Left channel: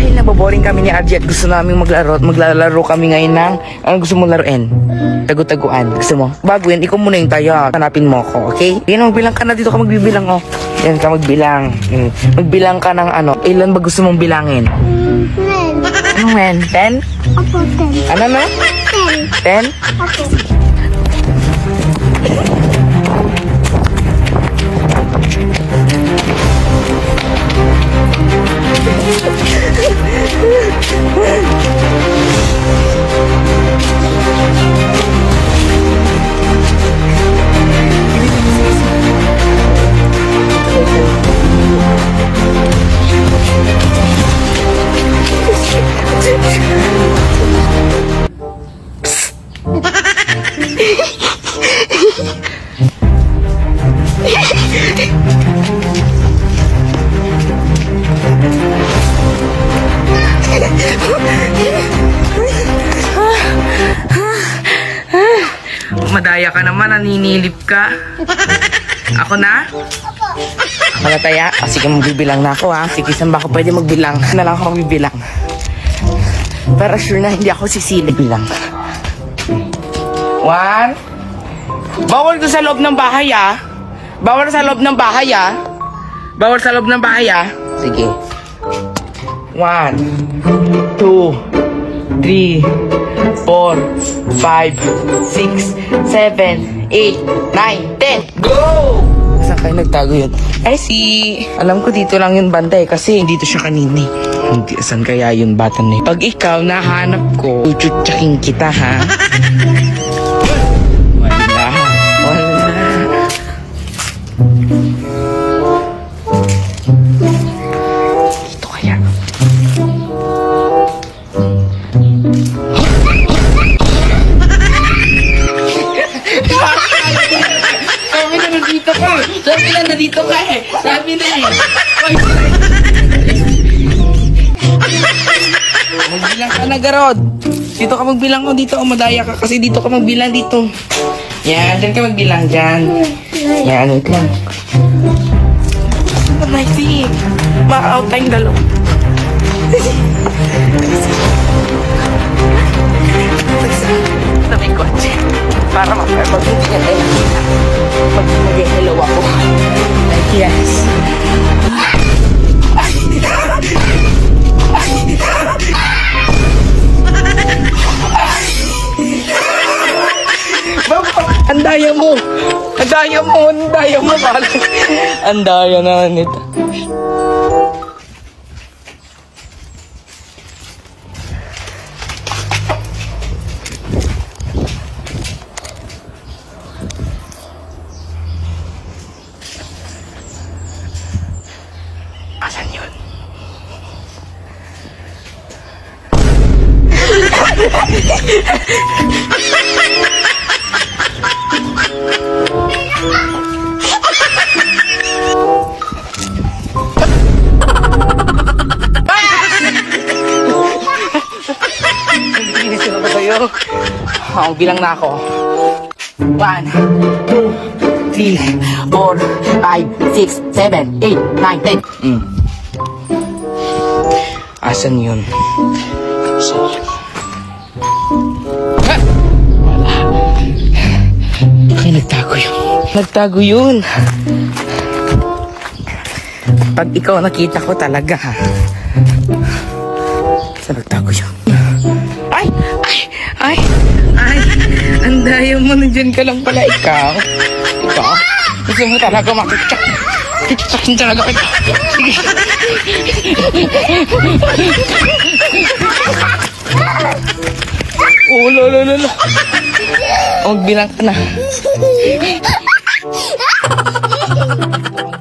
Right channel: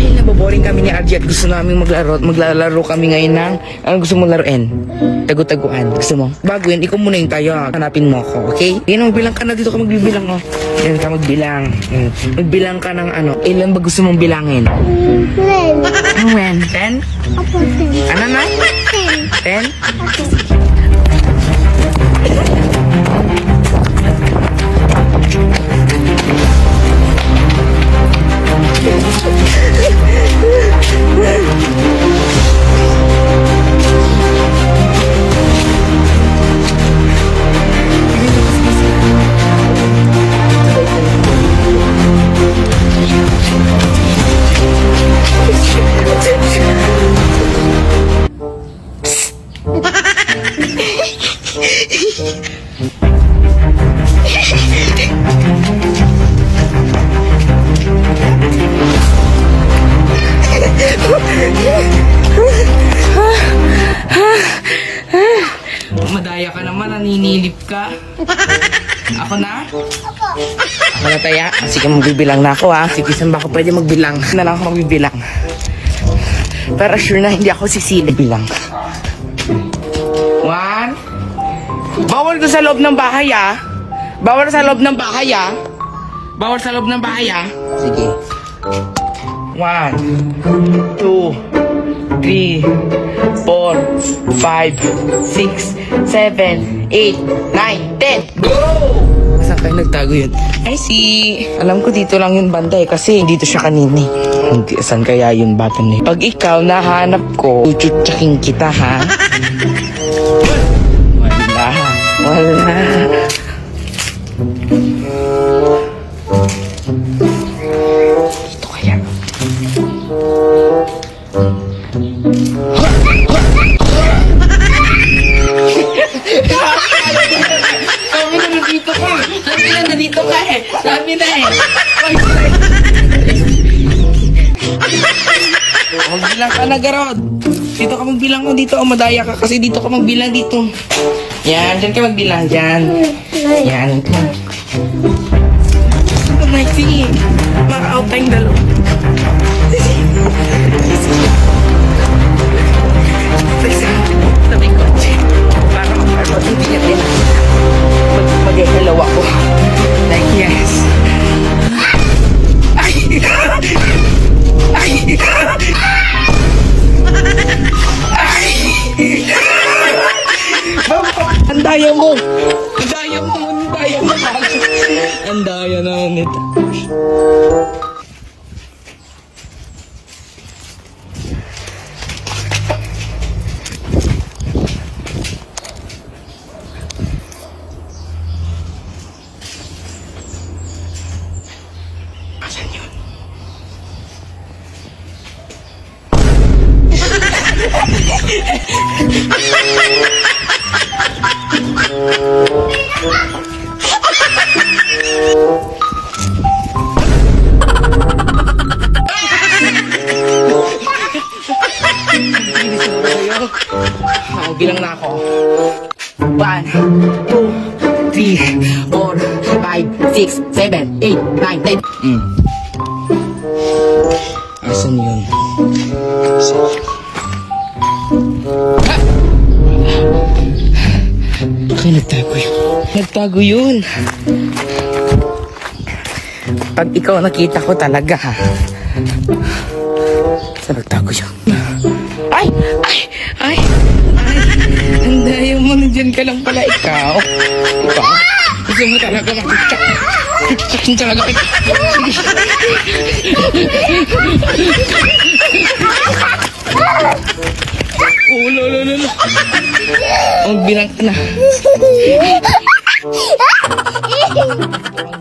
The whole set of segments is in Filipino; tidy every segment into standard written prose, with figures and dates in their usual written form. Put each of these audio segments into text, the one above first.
Dahil naboboring kami ni RJ at gusto namin maglalaro kami ngayon ng gusto mo laruin? Tagu-taguan. Gusto mo? Bago yan, ikaw muna yung tayo. Hanapin mo ako, okay? Yan, magbilang ka na. Dito ka magbibilang, oh. Yan ka magbilang. Magbilang ka ng ano. Ilan ba gusto mong bilangin? 10? Ano na? 10? Madaya ka naman, naninilip ka. Ako na? Ako na, Taya? Sige, magbibilang na ako, ha? Sige, saan ba ako pwede magbilang? Na lang ako magbibilang. Pero sure na hindi ako sisili bilang. 1. Bawal ko sa loob ng bahay, ah. Bawal sa loob ng bahay, ah. Bawal sa loob ng bahay, ah. Sige. 1, 2, 3, 4, 5, 6, 7, 8, 9, 10. Go! Saan kayo nagtago yun? Ay, alam ko dito lang yun banda, kasi dito siya kanini. Hindi, saan kaya yun bata na yun? Pag ikaw nahanap ko, chuchutsaking kita, ha? Wala. Dito kaya. Sabi na nandito ka. Sabi na nandito ka eh. Sabi na eh. Magbilang ka na, Garod. Dito ka magbilang mo dito. Madaya ka kasi dito ka magbilang dito. Yan, dyan ka magbilang dyan. Yan, wait lang. Ito na, sige. Maka-out tayong dalaw. Sa may kotse. Para mag-intingan tayo. Mag-hello ako. Like, yes. Ang daya mo! Ang daya mo! Ang daya mo! Ang daya na nito. Asan yun? Bilang na ako. 1, 2, 3, 4, 5, 6, 7, 8, 9, 10. Asan yun? Ay, nagtago yun. Nagtago yun. Pag ikaw nakita ko talaga, ha? Saan nagtago yun? Ay! Ay! Ay! Ay! Ang daya mo, nandyan ka lang pala ikaw. Diba? Gusto mo talaga makiksak. Kiksakin talaga kita. Oh, lolo. Magbilang ka na.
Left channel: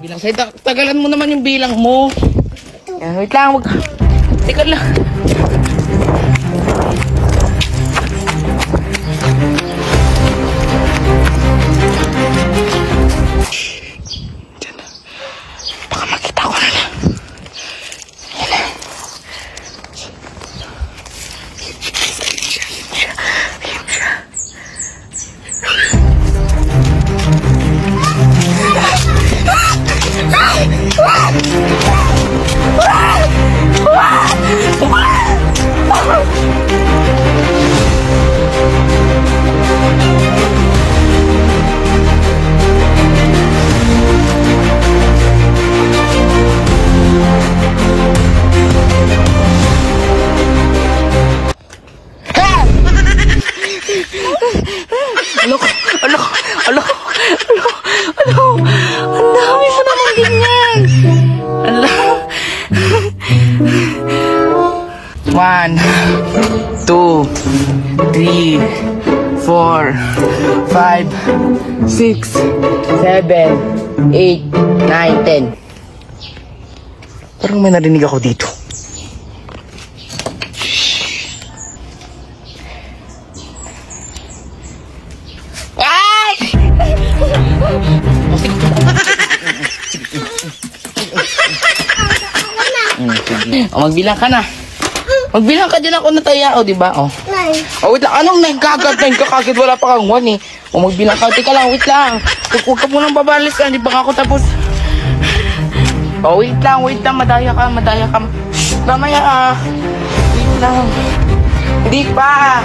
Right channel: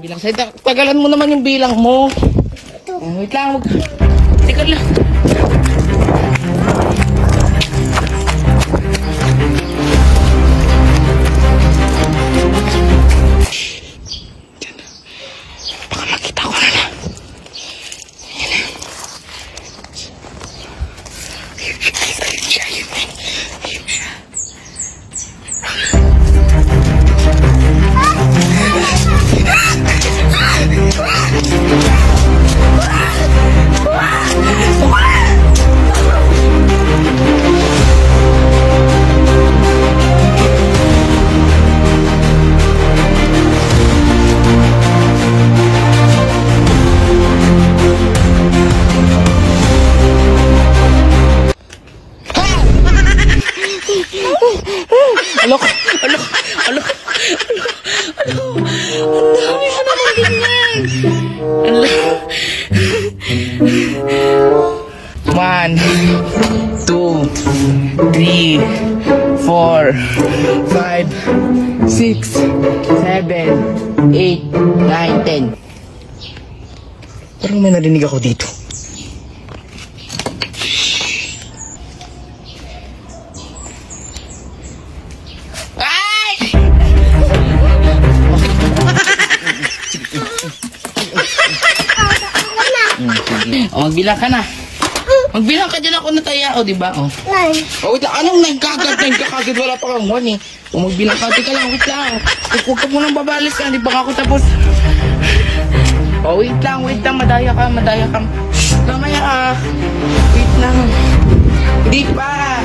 Bilang sa'yo. Tagalan mo naman yung bilang mo. Yan, wait lang. Tikad lang. 1, 2, 3, 4, 5, 6, 7, 8, 9, 10. Parang may narinig ako dito. O, magbilang ka na. Magbilang ka dyan ako nataya, o, diba? O. O, wait lang. Anong nagkagad? Nagkagad, wala pa kang 1 eh. O, magbilang ka. Teka lang, wait lang. Huwag ka munang babalis ka. Hindi pa ako tapos. O, wait lang. Madaya ka. Mamaya ah. Wait lang. Hindi pa.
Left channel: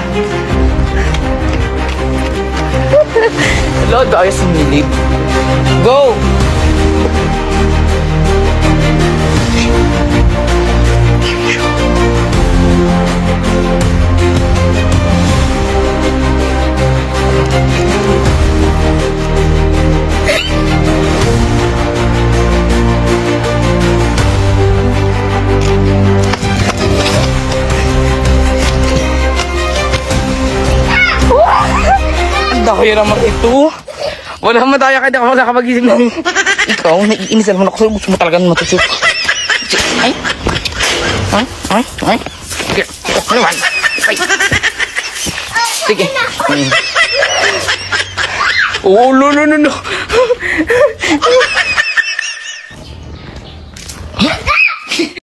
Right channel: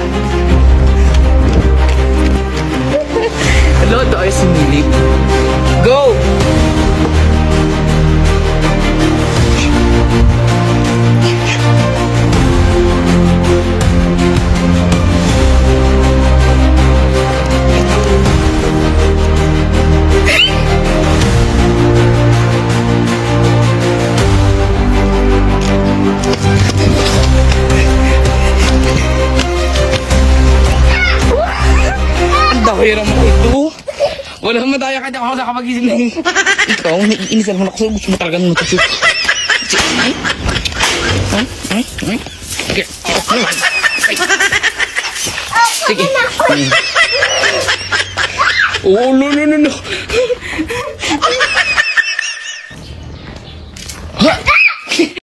Hello, tayo sumilip. Go! Dahil naman ito. Wala madaya ka, di ako nakapagising ng... Ikaw, naiinisan mo na ako. Gusto mo talaga nung matusok. Ay. Sige. Ano naman? Ay. Sige. Oh, no.